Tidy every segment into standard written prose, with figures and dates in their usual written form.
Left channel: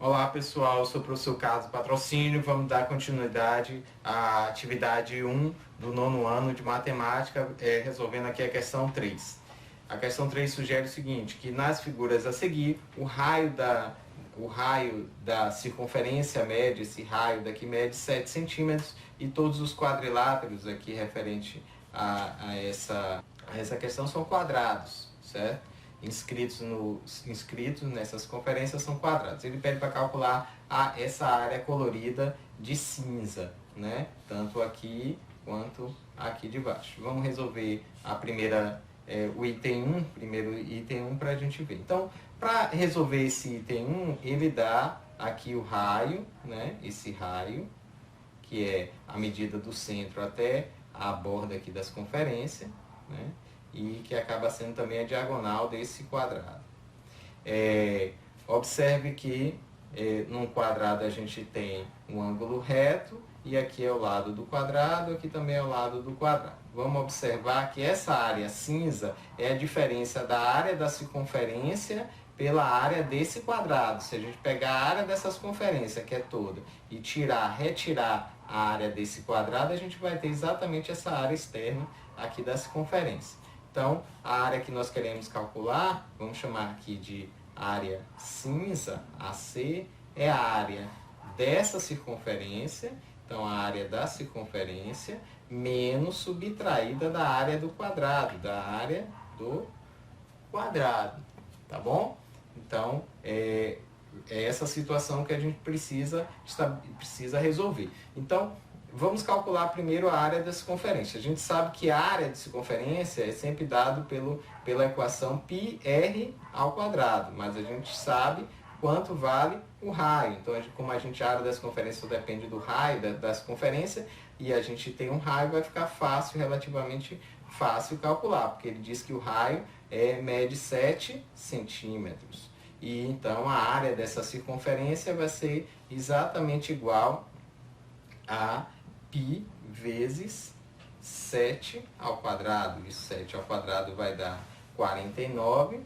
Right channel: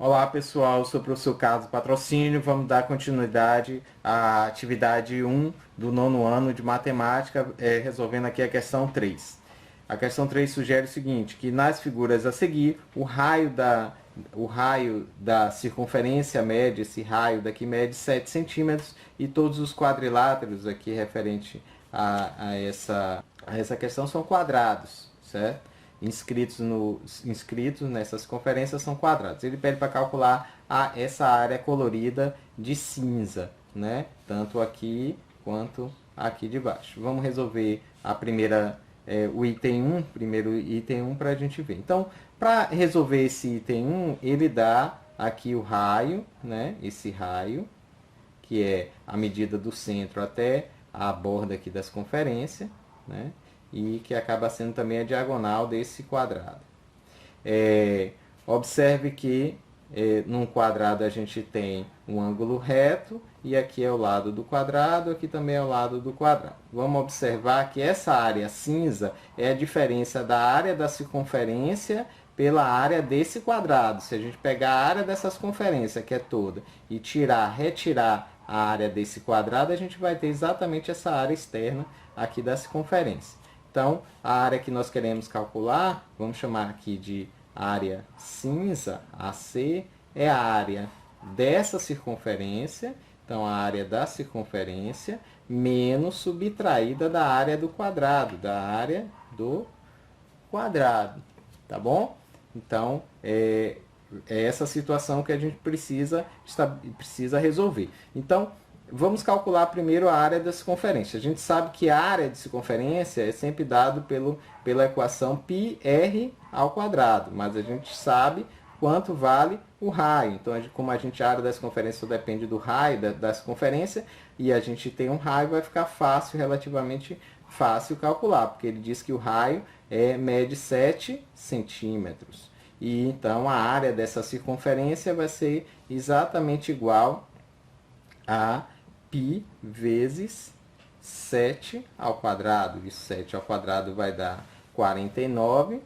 Olá pessoal, eu sou o professor Carlos Patrocínio. Vamos dar continuidade à atividade 1 do nono ano de matemática, resolvendo aqui a questão 3. A questão 3 sugere o seguinte, que nas figuras a seguir, o raio da circunferência mede, esse raio daqui mede 7 centímetros e todos os quadriláteros aqui referente a essa questão são quadrados, certo? Inscritos nessas conferências são quadrados. Ele pede para calcular essa área colorida de cinza, né? Tanto aqui quanto aqui de baixo. Vamos resolver o item 1, primeiro item 1 para a gente ver. Então, para resolver esse item 1, ele dá aqui o raio, né? Esse raio, que é a medida do centro até a borda aqui das conferências, né? E que acaba sendo também a diagonal desse quadrado. Observe que num quadrado a gente tem um ângulo reto e aqui é o lado do quadrado, aqui também é o lado do quadrado. Vamos observar que essa área cinza é a diferença da área da circunferência pela área desse quadrado. Se a gente pegar a área dessa circunferência, que é toda, e retirar a área desse quadrado, a gente vai ter exatamente essa área externa aqui da circunferência. Então, a área que nós queremos calcular, vamos chamar aqui de área cinza, AC, é a área dessa circunferência, então a área da circunferência, menos subtraída da área do quadrado, tá bom? Então, é essa situação que a gente precisa resolver. Então, vamos calcular primeiro a área da circunferência. A gente sabe que a área de circunferência é sempre dado pela equação πr ao quadrado, mas a gente sabe quanto vale o raio. Então, como a área da circunferência depende do raio da circunferência, e a gente tem um raio, vai ficar relativamente fácil calcular, porque ele diz que o raio mede 7 centímetros. E então a área dessa circunferência vai ser exatamente igual a π vezes 7 ao quadrado. E 7 ao quadrado vai dar 49.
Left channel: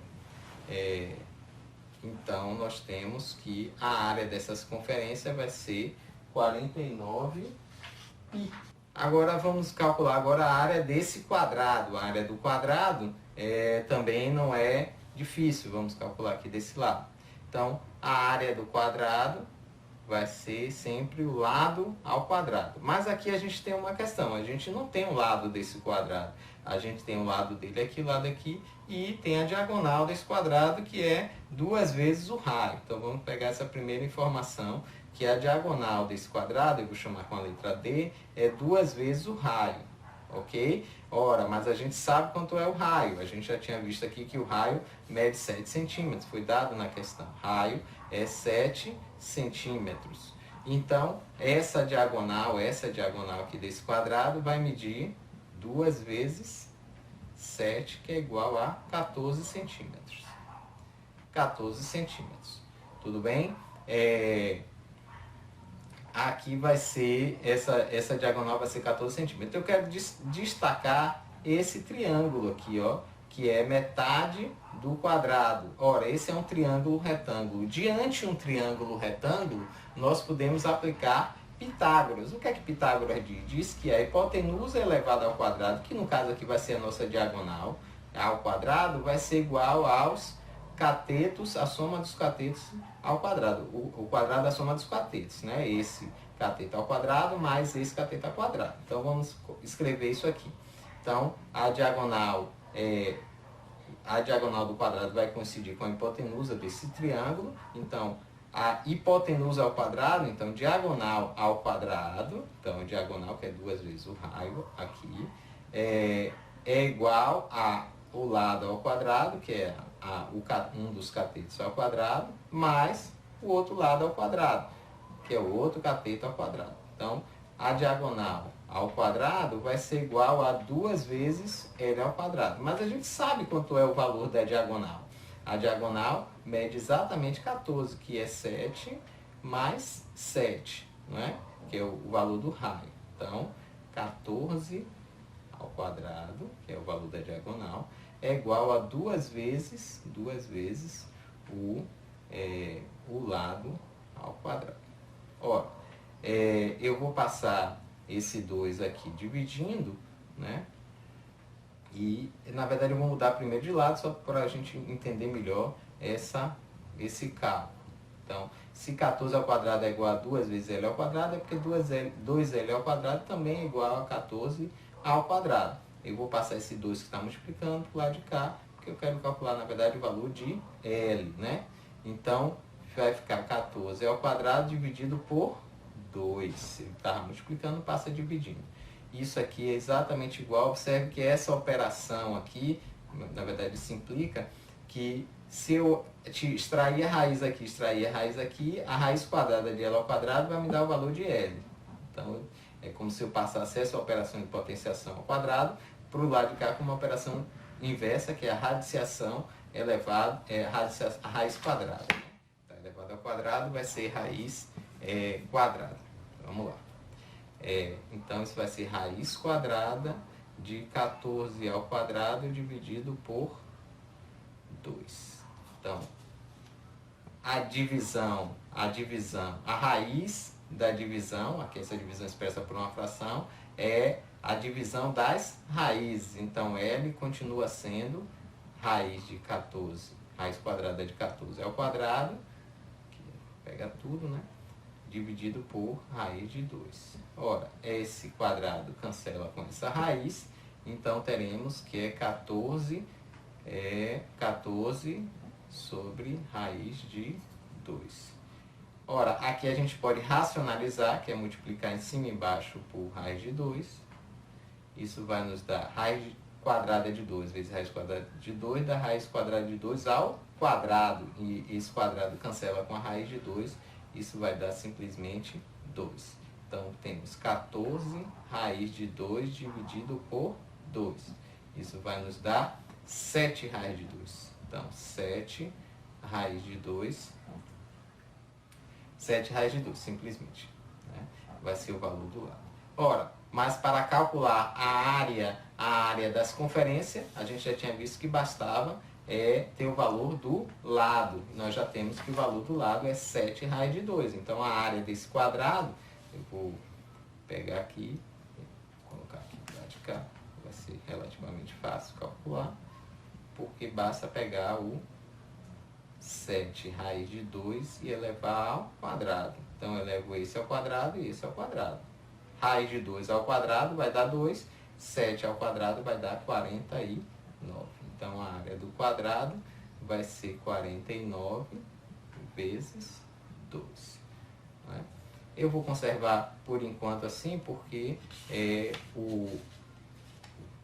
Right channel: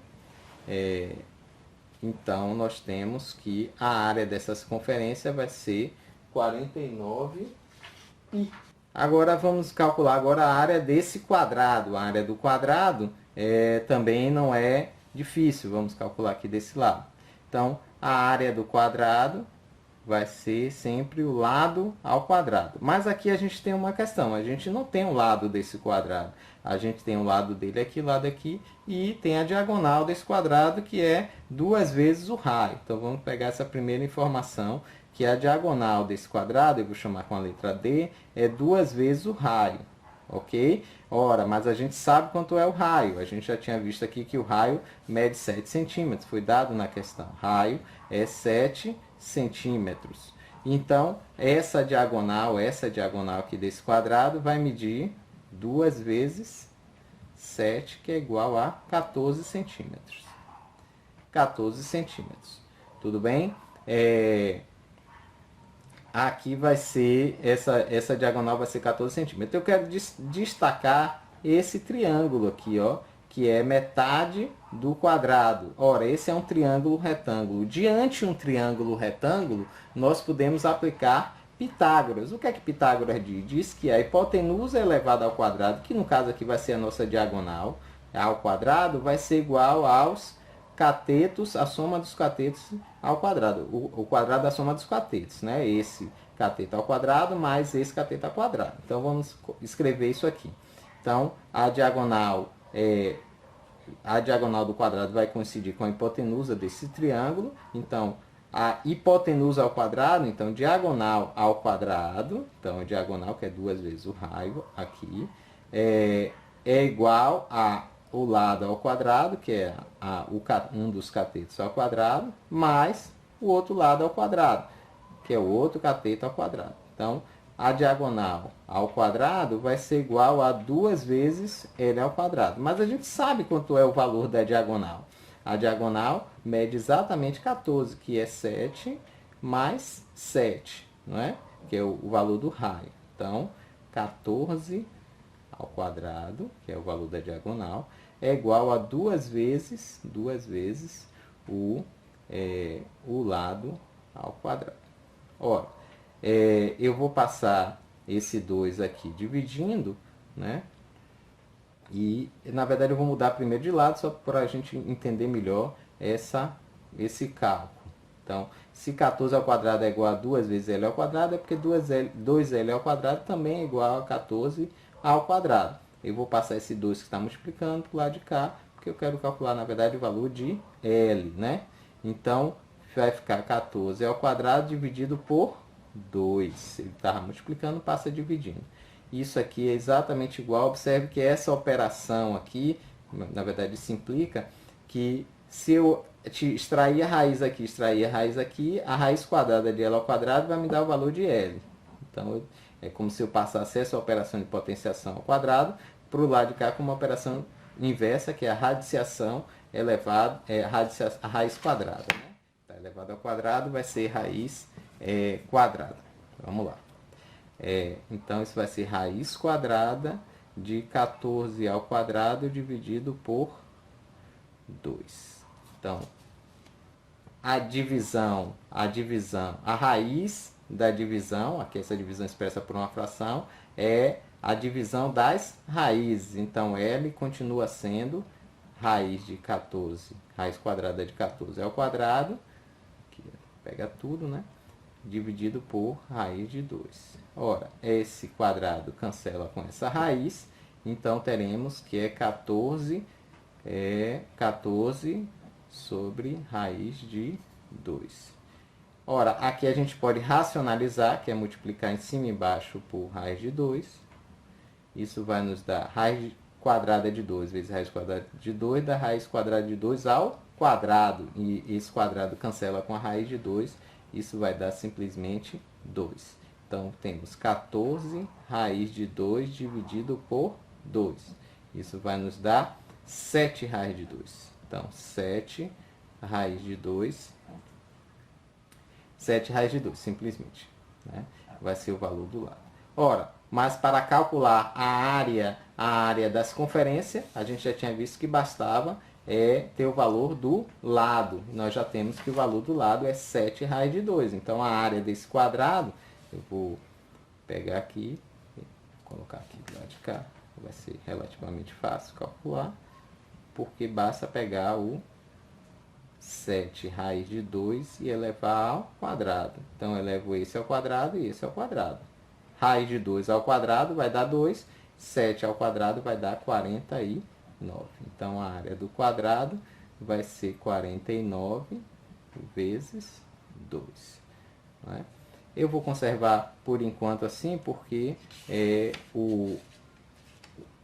Então, nós temos que a área dessa circunferência vai ser 49 π. Agora, vamos calcular a área desse quadrado. A área do quadrado também não é difícil. Vamos calcular aqui desse lado. Então, a área do quadrado vai ser sempre o lado ao quadrado. Mas aqui a gente tem uma questão. A gente não tem o lado desse quadrado. A gente tem o lado dele aqui, o lado aqui, e tem a diagonal desse quadrado, que é 2 vezes o raio. Então, vamos pegar essa primeira informação, que a diagonal desse quadrado, eu vou chamar com a letra D, é 2 vezes o raio, ok? Ora, mas a gente sabe quanto é o raio. A gente já tinha visto aqui que o raio mede 7 centímetros, foi dado na questão. Raio é 7 centímetros. Então, essa diagonal aqui desse quadrado vai medir 2 vezes 7, que é igual a 14 centímetros. 14 centímetros. Tudo bem? Aqui vai ser, essa diagonal vai ser 14 centímetros. Eu quero destacar esse triângulo aqui, ó, que é metade do quadrado. Ora, esse é um triângulo retângulo. Diante de um triângulo retângulo, nós podemos aplicar Pitágoras. O que é que Pitágoras diz? Diz que a hipotenusa elevada ao quadrado, que no caso aqui vai ser a nossa diagonal, ao quadrado, vai ser igual aos catetos, a soma dos catetos ao quadrado. O quadrado da soma dos catetos, né? Esse cateto ao quadrado mais esse cateto ao quadrado. Então, vamos escrever isso aqui. Então, a diagonal do quadrado vai coincidir com a hipotenusa desse triângulo. Então, a hipotenusa ao quadrado, então, diagonal ao quadrado, então, diagonal, que é 2 vezes o raio aqui, é igual a o lado ao quadrado, que é um dos catetos ao quadrado, mais o outro lado ao quadrado, que é o outro cateto ao quadrado. Então, a diagonal ao quadrado vai ser igual a 2 vezes L ao quadrado. Mas a gente sabe quanto é o valor da diagonal. A diagonal mede exatamente 14, que é 7 mais 7, não é? Que é o valor do raio. Então, 14 ao quadrado, que é o valor da diagonal, é igual a 2 vezes o lado ao quadrado. Ora, eu vou passar esse 2 aqui dividindo, né? E, na verdade, eu vou mudar primeiro de lado, só para a gente entender melhor esse cálculo. Então, se 14 ao quadrado é igual a 2 vezes L ao quadrado, é porque 2L ao quadrado também é igual a 14 ao quadrado. Eu vou passar esse 2 que está multiplicando para o lado de cá, porque eu quero calcular, na verdade, o valor de L, né? Então, vai ficar 14 ao quadrado dividido por 2. Se ele estava multiplicando, passa dividindo. Isso aqui é exatamente igual. Observe que essa operação aqui, na verdade, isso implica que se eu extrair a raiz aqui, a raiz quadrada de L ao quadrado vai me dar o valor de L. Então, é como se eu passasse essa operação de potenciação ao quadrado para o lado de cá com uma operação inversa, que é a radiciação elevada, a raiz quadrada. Né? Então, elevado ao quadrado vai ser raiz quadrada. Vamos lá. Então, isso vai ser raiz quadrada de 14 ao quadrado dividido por 2. Então, a raiz da divisão, aqui essa divisão expressa por uma fração, é a divisão das raízes. Então, L continua sendo raiz de 14, raiz quadrada de 14 ao quadrado, aqui, pega tudo, né? Dividido por raiz de 2. Ora, esse quadrado cancela com essa raiz, então teremos que é 14 sobre raiz de 2. Ora, aqui a gente pode racionalizar, que é multiplicar em cima e embaixo por raiz de 2. Isso vai nos dar raiz quadrada de 2 vezes raiz quadrada de 2, dá raiz quadrada de 2 ao quadrado. E esse quadrado cancela com a raiz de 2, isso vai dar simplesmente 2. Então, temos 14 raiz de 2 dividido por 2. Isso vai nos dar 7 raiz de 2. Então, 7 raiz de 2. 7 raiz de 2, simplesmente. Né? Vai ser o valor do lado. Ora, mas para calcular a área da circunferência, a gente já tinha visto que bastava ter o valor do lado. Nós já temos que o valor do lado é 7 raiz de 2. Então, a área desse quadrado, eu vou pegar aqui, colocar aqui do lado de cá, vai ser relativamente fácil calcular, porque basta pegar o 7 raiz de 2 e elevar ao quadrado. Então, eu elevo esse ao quadrado e esse ao quadrado. Raiz de 2 ao quadrado vai dar 2, 7 ao quadrado vai dar 49. Então, a área do quadrado vai ser 49 vezes 2. Né? Eu vou conservar por enquanto assim, porque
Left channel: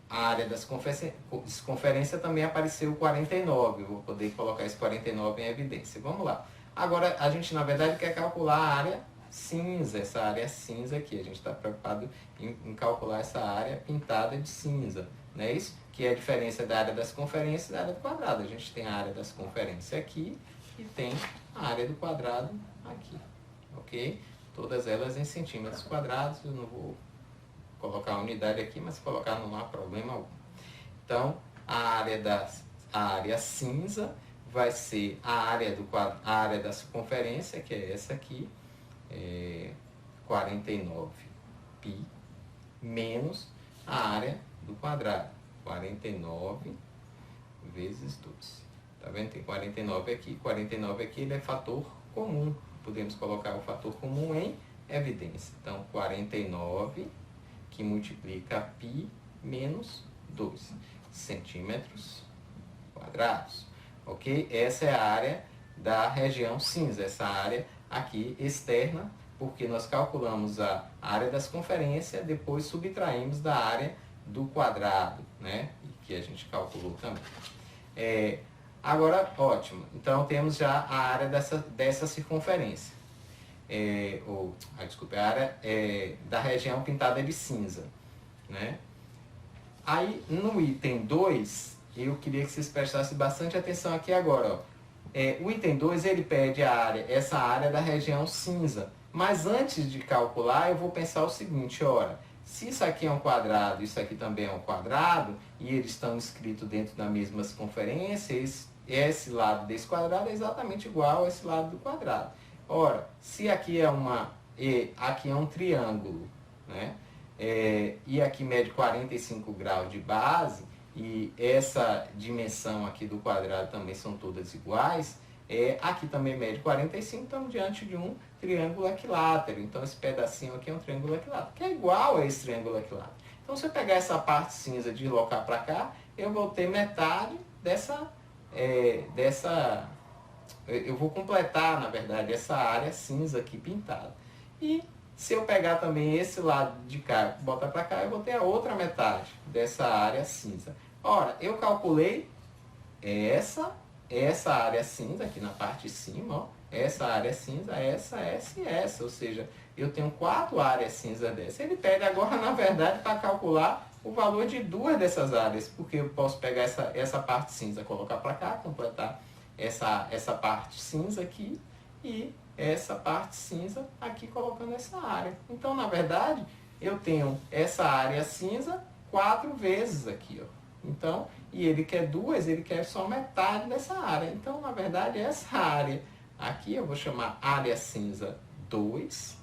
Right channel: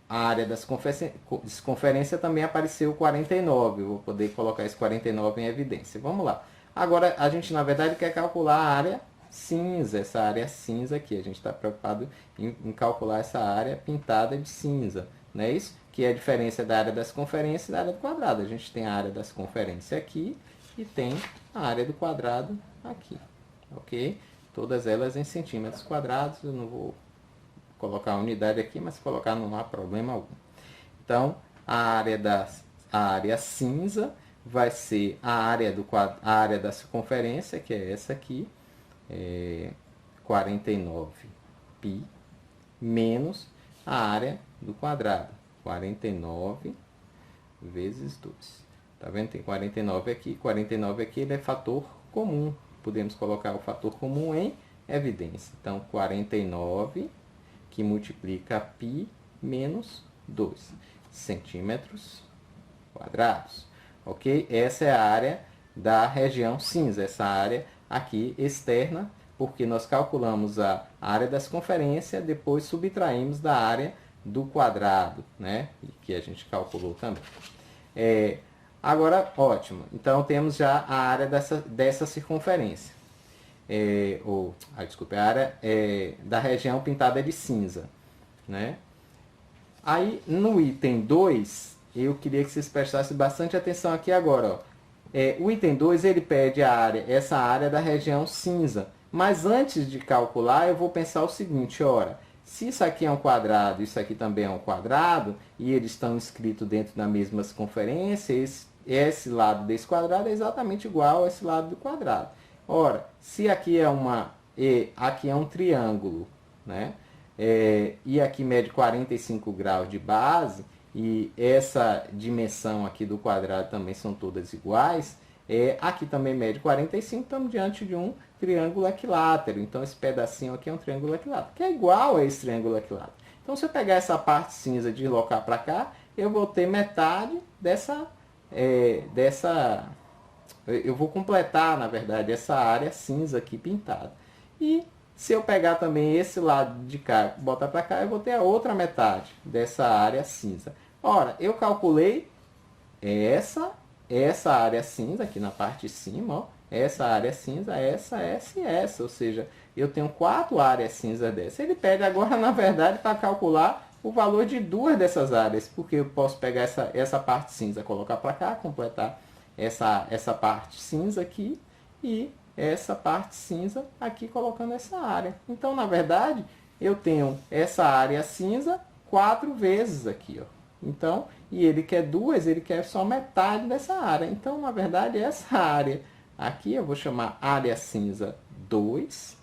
a área da circunferência também apareceu 49. Eu vou poder colocar esse 49 em evidência. Vamos lá. Agora, a gente, na verdade, quer calcular a área cinza, essa área cinza aqui. A gente está preocupado em calcular essa área pintada de cinza. Não é isso? Que é a diferença da área da circunferência e da área do quadrado. A gente tem a área da circunferência aqui e tem a área do quadrado aqui. Ok? Todas elas em centímetros quadrados. Eu não vou colocar a unidade aqui, mas se colocar não há problema algum. Então, a área cinza vai ser a área da circunferência, que é essa aqui, 49π, menos a área do quadrado, 49 vezes 2. Tá vendo? Tem 49 aqui, ele é fator comum. Podemos colocar o fator comum em evidência. Então, 49 que multiplica π menos 2 centímetros quadrados. Ok? Essa é a área da região cinza, essa área aqui externa, porque nós calculamos a área da circunferência, depois subtraímos da área do quadrado, né? Que a gente calculou também. Agora, ótimo. Então, temos já a área dessa circunferência. A área da região pintada de cinza. Né? Aí, no item 2, eu queria que vocês prestassem bastante atenção aqui agora. Ó. O item 2, ele pede essa área da região cinza. Mas antes de calcular, eu vou pensar o seguinte, ora, se isso aqui é um quadrado, isso aqui também é um quadrado, e eles estão inscritos dentro da mesma circunferência, esse lado desse quadrado é exatamente igual a esse lado do quadrado. Ora, se aqui aqui é um triângulo, né? E aqui mede 45 graus de base, e essa dimensão aqui do quadrado também são todas iguais, aqui também mede 45, estamos diante de um triângulo equilátero. Então, esse pedacinho aqui é um triângulo equilátero, que é igual a esse triângulo equilátero. Então, se eu pegar essa parte cinza e deslocar para cá, eu vou ter metade eu vou completar, na verdade, essa área cinza aqui pintada. E se eu pegar também esse lado de cá e botar para cá, eu vou ter a outra metade dessa área cinza. Ora, eu calculei essa área cinza aqui na parte de cima, ó, essa área cinza, essa e essa. Ou seja, eu tenho 4 áreas cinza dessa. Ele pede agora, na verdade, para calcular o valor de 2 dessas áreas, porque eu posso pegar essa parte cinza, colocar para cá, completar essa parte cinza aqui e essa parte cinza aqui, colocando essa área. Então, na verdade, eu tenho essa área cinza 4 vezes aqui, ó. Então, e ele quer 2, ele quer só metade dessa área. Então, na verdade, essa área aqui, eu vou chamar área cinza 2,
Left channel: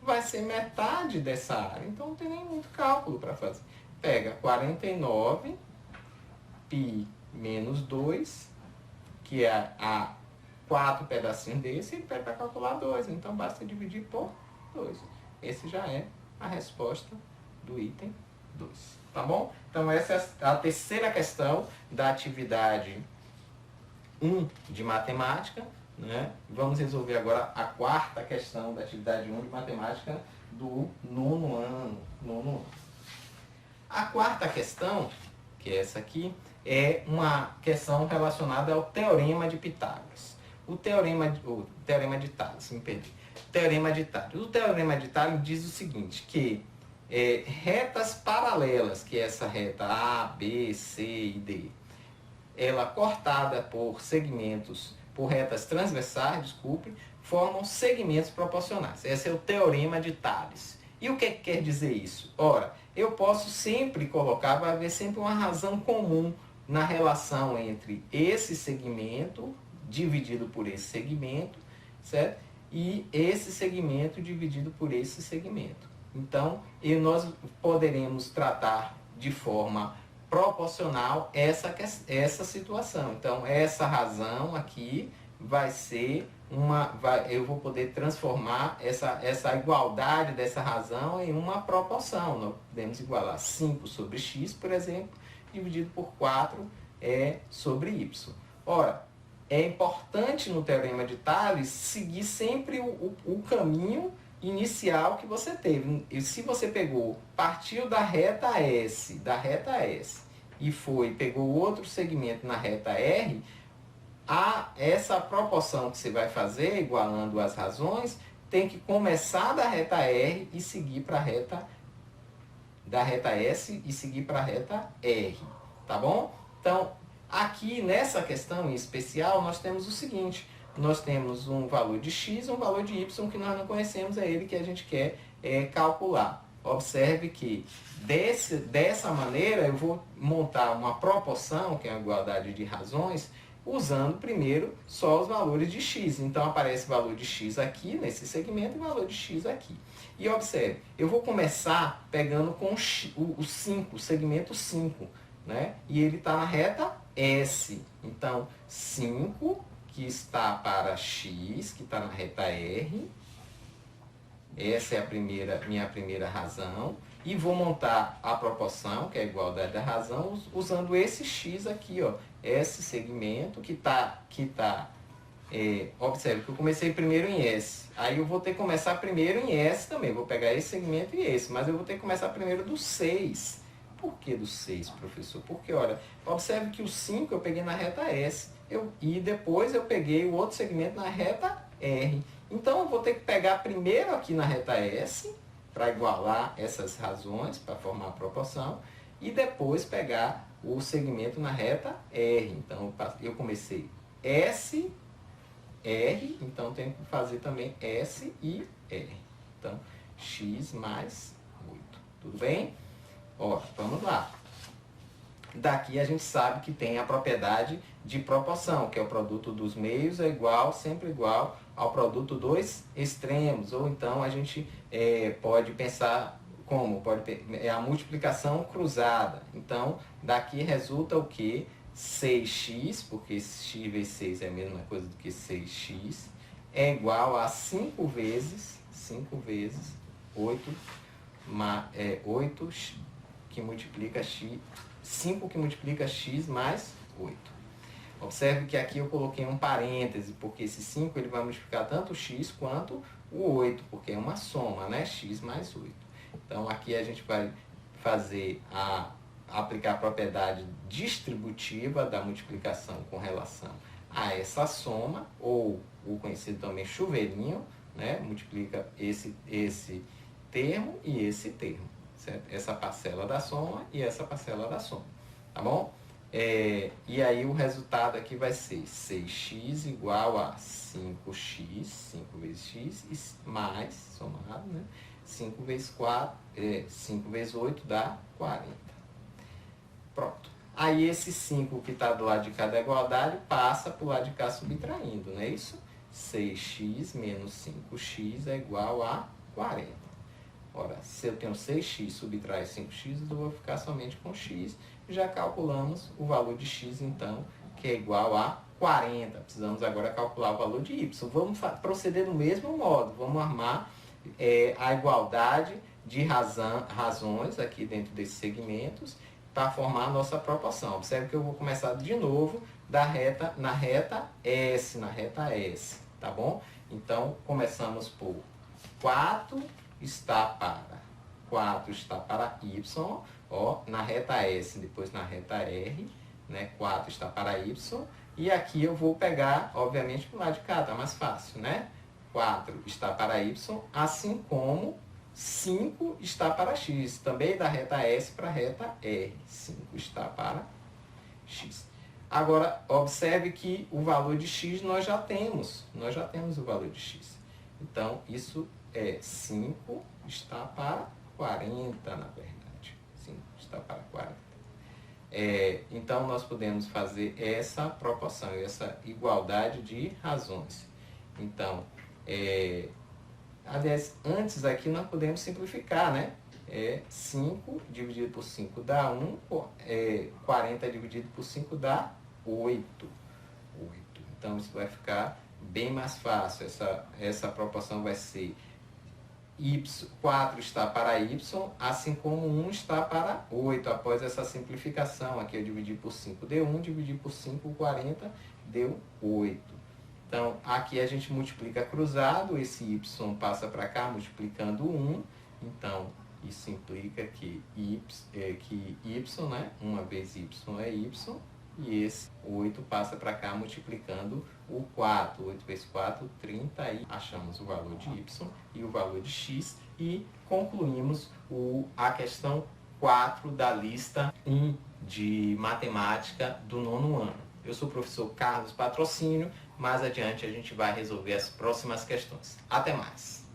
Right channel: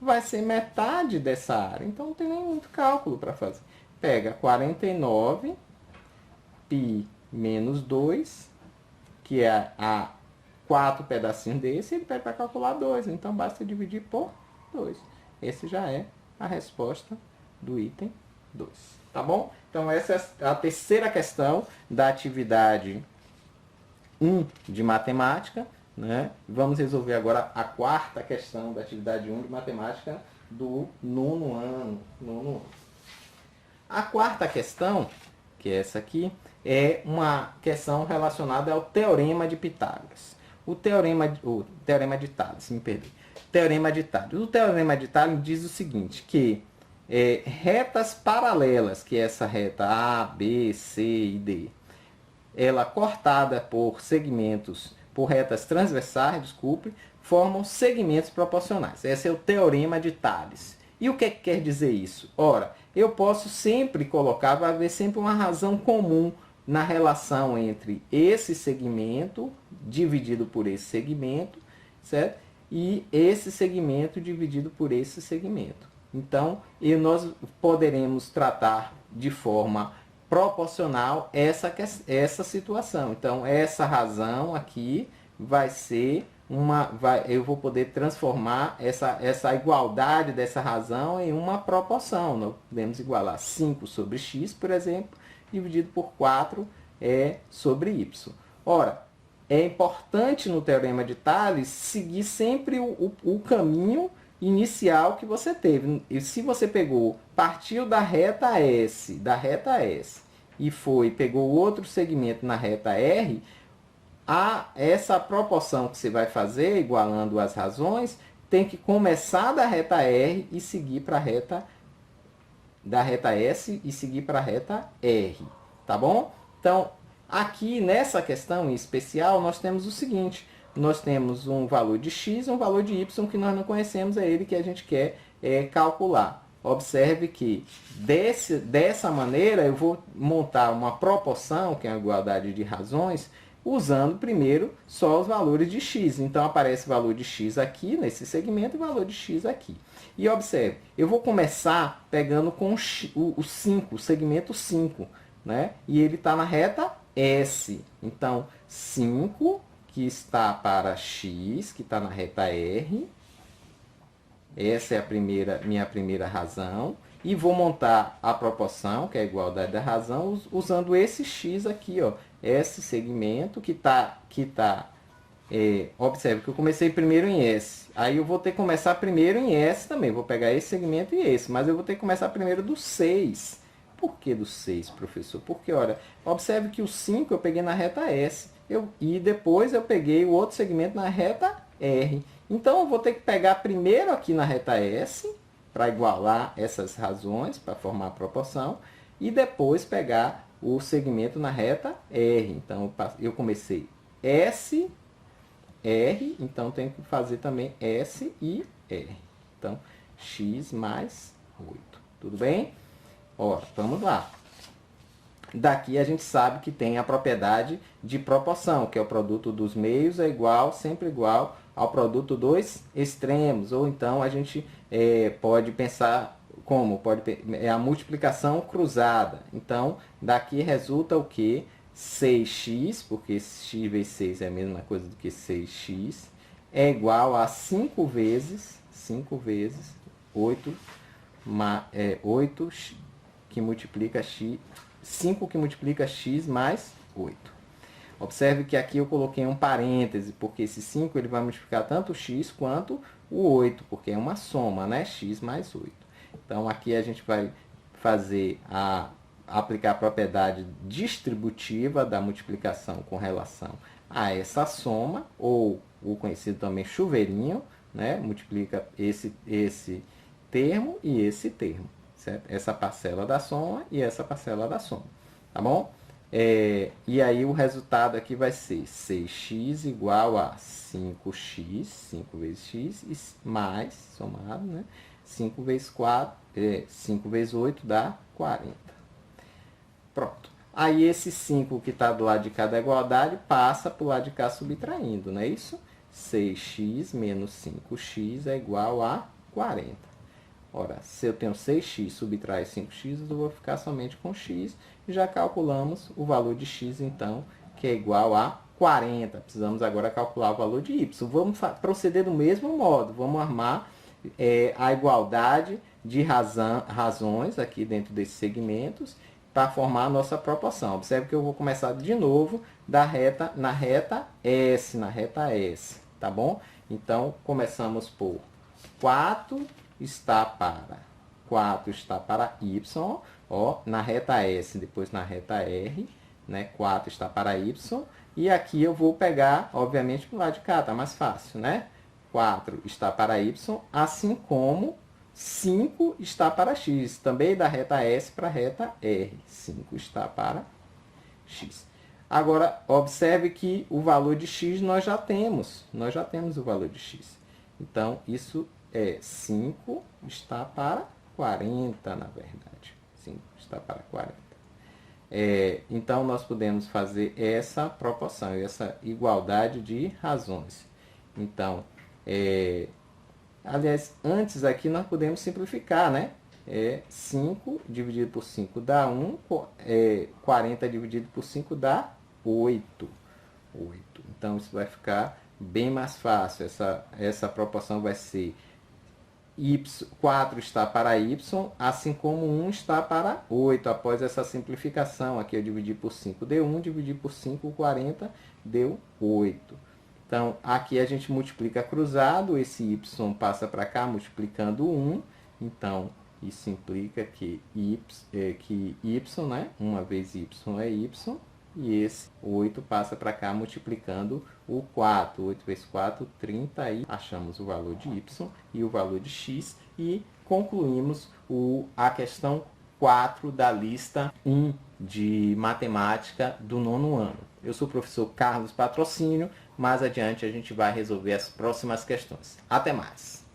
vai ser metade dessa área. Então, não tem nem muito cálculo para fazer. Pega 49 π menos 2, que é a 4 pedacinhos desse, ele pede para calcular 2. Então, basta dividir por 2. Esse já é a resposta do item 2. Tá bom? Então, essa é a terceira questão da atividade 1 de matemática, né? Vamos resolver agora a quarta questão da atividade 1 de matemática do nono ano. A quarta questão, que é essa aqui, é uma questão relacionada ao Teorema de Pitágoras. O Teorema de Tales, me perdi. Teorema de Tales. O Teorema de Tales diz o seguinte, que retas paralelas, que é essa reta A, B, C e D, ela cortada por segmentos, por retas transversais, desculpe, formam segmentos proporcionais. Esse é o Teorema de Tales. E o que quer dizer isso? Ora, eu posso sempre colocar, vai haver sempre uma razão comum na relação entre esse segmento dividido por esse segmento, certo? E esse segmento dividido por esse segmento. Então, nós poderemos tratar de forma proporcional essa situação. Então, essa razão aqui vai ser eu vou poder transformar essa igualdade dessa razão em uma proporção. Nós podemos igualar 5 sobre x, por exemplo, dividido por 4 sobre y. Ora, é importante no Teorema de Tales seguir sempre o caminho inicial que você teve. E se você partiu da reta S, e pegou outro segmento na reta R, essa proporção que você vai fazer, igualando as razões, tem que começar da reta R e seguir para da reta S e seguir para a reta R. Tá bom? Então, aqui nessa questão em especial, nós temos o seguinte: nós temos um valor de x e um valor de y que nós não conhecemos, é ele que a gente quer calcular. Observe que dessa maneira eu vou montar uma proporção, que é a igualdade de razões, usando primeiro só os valores de x. Então, aparece o valor de x aqui nesse segmento e o valor de x aqui. E observe, eu vou começar pegando com o 5, o segmento 5, né? E ele está na reta S. Então, 5, que está para x, que está na reta R. Essa é minha primeira razão. E vou montar a proporção, que é a igualdade da razão, usando esse x aqui, ó. Esse segmento que está observe que eu comecei primeiro em S. Aí eu vou ter que começar primeiro em S também. Vou pegar esse segmento e esse. Mas eu vou ter que começar primeiro do 6. Por que do 6, professor? Porque, olha, observe que o 5 eu peguei na reta S. E depois eu peguei o outro segmento na reta R. Então, eu vou ter que pegar primeiro aqui na reta S, para igualar essas razões, para formar a proporção. E depois pegar o segmento na reta R. Então, eu comecei S, R, então tenho que fazer também S e R. Então, x mais 8. Tudo bem? Ó, vamos lá. Daqui a gente sabe que tem a propriedade de proporção, que é o produto dos meios é igual, sempre igual ao produto dos extremos. Ou então a gente pode pensar como? É a multiplicação cruzada. Então, daqui resulta o que? 6x, porque x vezes 6 é a mesma coisa do que 6x, é igual a 5 vezes 8, 8 que multiplica x, 5 que multiplica x mais 8. Observe que aqui eu coloquei um parêntese, porque esse 5 ele vai multiplicar tanto o x quanto o 8, porque é uma soma, né? X mais 8. Então, aqui a gente vai aplicar a propriedade distributiva da multiplicação com relação a essa soma, ou o conhecido também chuveirinho, né? Multiplica esse termo e esse termo, certo? Essa parcela da soma e essa parcela da soma, tá bom? E aí o resultado aqui vai ser 6x igual a 5x, 5 vezes x, mais, somado, né? 5 vezes 8 dá 40. Pronto. Aí esse 5 que está do lado de cá da igualdade passa para o lado de cá subtraindo, não é isso? 6x menos 5x é igual a 40. Ora, se eu tenho 6x subtrai 5x, eu vou ficar somente com x. Já calculamos o valor de x, então, que é igual a 40. Precisamos agora calcular o valor de y. Vamos proceder do mesmo modo. Vamos armar a igualdade de razões aqui dentro desses segmentos para formar a nossa proporção. Observe que eu vou começar de novo na reta S, tá bom? Então, começamos por 4 está para y, ó, na reta S, depois na reta R, né? 4 está para y, e aqui eu vou pegar, obviamente, para o lado de cá, tá mais fácil, né? 4 está para y, assim como 5 está para x, também da reta S para a reta R. 5 está para x. Agora, observe que o valor de x nós já temos o valor de x. Então, isso é 5 está para 40, na verdade. 5 está para 40. Então, nós podemos fazer essa proporção, essa igualdade de razões. Então, aliás, antes aqui nós podemos simplificar, né? 5 dividido por 5 dá 1, 40 dividido por 5 dá 8. Então, isso vai ficar bem mais fácil. Essa proporção vai ser 4 está para y, assim como 1 está para 8. Após essa simplificação, aqui eu dividi por 5, deu 1, dividi por 5, 40, deu 8. Então, aqui a gente multiplica cruzado, esse y passa para cá multiplicando 1. Então, isso implica que y, né? Uma vez y é y, e esse 8 passa para cá multiplicando o 4. 8 vezes 4, 30, e achamos o valor de y e o valor de x, e concluímos a questão 4 da lista 1 de matemática do 9º ano. Eu sou o professor Carlos Patrocínio. Mais adiante a gente vai resolver as próximas questões. Até mais!